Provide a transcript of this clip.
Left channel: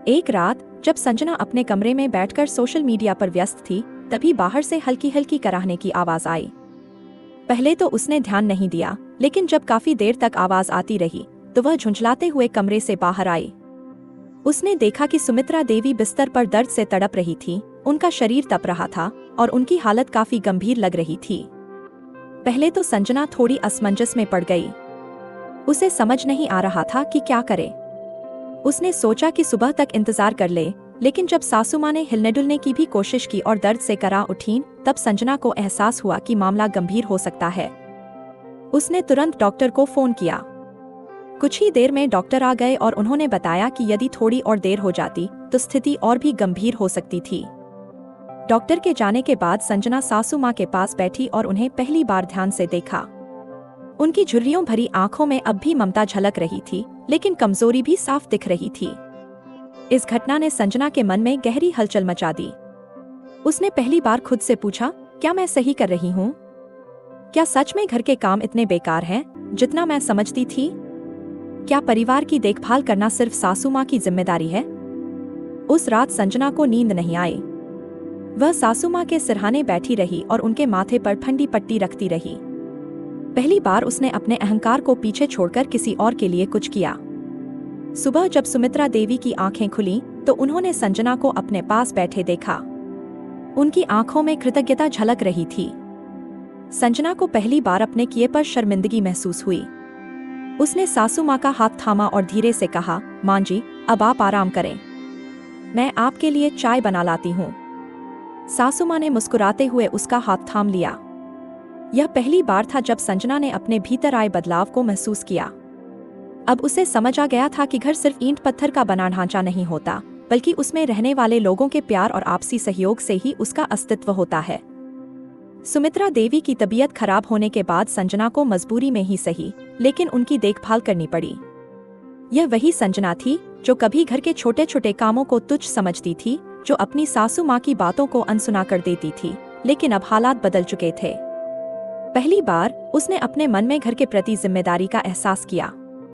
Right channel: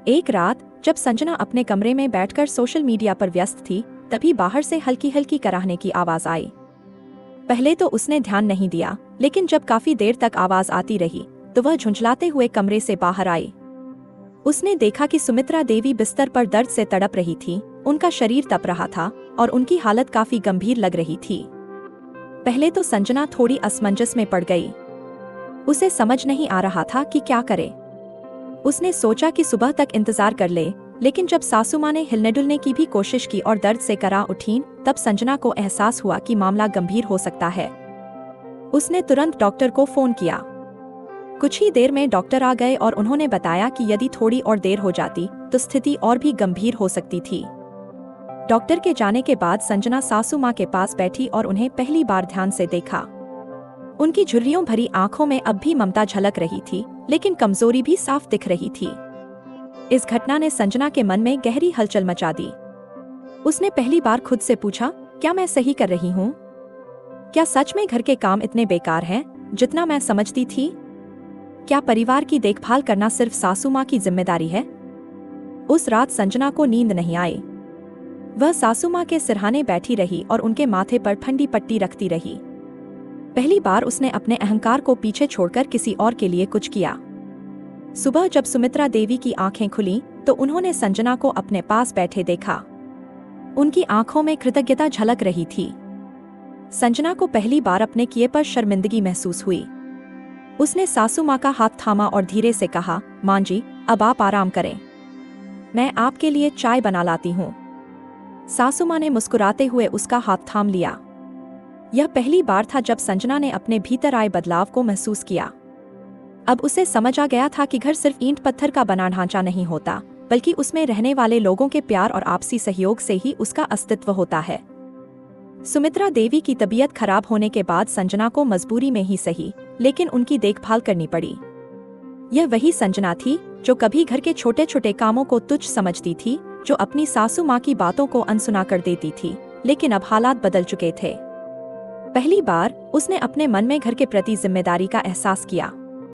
एक रात जब संजना अपने कमरे में बैठकर सोशल मीडिया पर व्यस्त थी, तभी बाहर से हल्की हल्की कराहने की आवाज आई। पहले तो उसने ध्यान नहीं दिया, लेकिन जब काफी देर तक आवाज आती रही तो वह झुंझलाते हुए कमरे से बाहर आई। उसने देखा कि सुमित्रा देवी बिस्तर पर दर्द से तड़प रही थी। उनका शरीर तप रहा था और उनकी हालत काफी गंभीर लग रही थी। पहले तो संजना थोड़ी असमंजस में पड़ गई। उसे समझ नहीं आ रहा था कि क्या करे। उसने सोचा कि सुबह तक इंतजार कर ले, लेकिन जब सासू माँ ने हिलने डुलने की भी कोशिश की और दर्द से करा उठी, तब संजना को एहसास हुआ कि मामला गंभीर हो सकता है। उसने तुरंत डॉक्टर को फोन किया। कुछ ही देर में डॉक्टर आ गए और उन्होंने बताया कि यदि थोड़ी और देर हो जाती तो स्थिति और भी गंभीर हो सकती थी। डॉक्टर के जाने के बाद संजना सासू माँ के पास बैठी और उन्हें पहली बार ध्यान से देखा। उनकी झुर्रियों भरी आंखों में अब भी ममता झलक रही थी, लेकिन कमजोरी भी साफ दिख रही थी। इस घटना ने संजना के मन में गहरी हलचल मचा दी। उसने पहली बार खुद से पूछा, क्या मैं सही कर रही हूँ? क्या सच में घर के काम इतने बेकार हैं, जितना मैं समझती थी? क्या परिवार की देखभाल करना सिर्फ सासू माँ की जिम्मेदारी है? उस रात संजना को नींद नहीं आई। वह सासू माँ के सिरहाने बैठी रही और उनके माथे पर ठंडी पट्टी रखती रही। पहली बार उसने अपने अहंकार को पीछे छोड़कर किसी और के लिए कुछ किया। सुबह जब सुमित्रा देवी की आंखें खुली तो उन्होंने संजना को अपने पास बैठे देखा। उनकी आंखों में कृतज्ञता झलक रही थी। संजना को पहली बार अपने किए पर शर्मिंदगी महसूस हुई। उसने सासू माँ का हाथ थामा और धीरे से कहा, माँ जी, अब आप आराम करें, मैं आपके लिए चाय बना लाती हूँ। सासू माँ ने मुस्कुराते हुए उसका हाथ थाम लिया। यह पहली बार था जब संजना ने अपने भीतर आए बदलाव को महसूस किया। अब उसे समझ आ गया था कि घर सिर्फ ईंट पत्थर का बना ढांचा नहीं होता, बल्कि उसमें रहने वाले लोगों के प्यार और आपसी सहयोग से ही उसका अस्तित्व होता है। सुमित्रा देवी की तबीयत खराब होने के बाद संजना को मजबूरी में ही सही, लेकिन उनकी देखभाल करनी पड़ी। यह वही संजना थी जो कभी घर के छोटे छोटे कामों को तुच्छ समझती थी, जो अपनी सासू माँ की बातों को अनसुना कर देती थी। लेकिन अब हालात बदल चुके थे। पहली बार उसने अपने मन में घर के प्रति जिम्मेदारी का एहसास किया।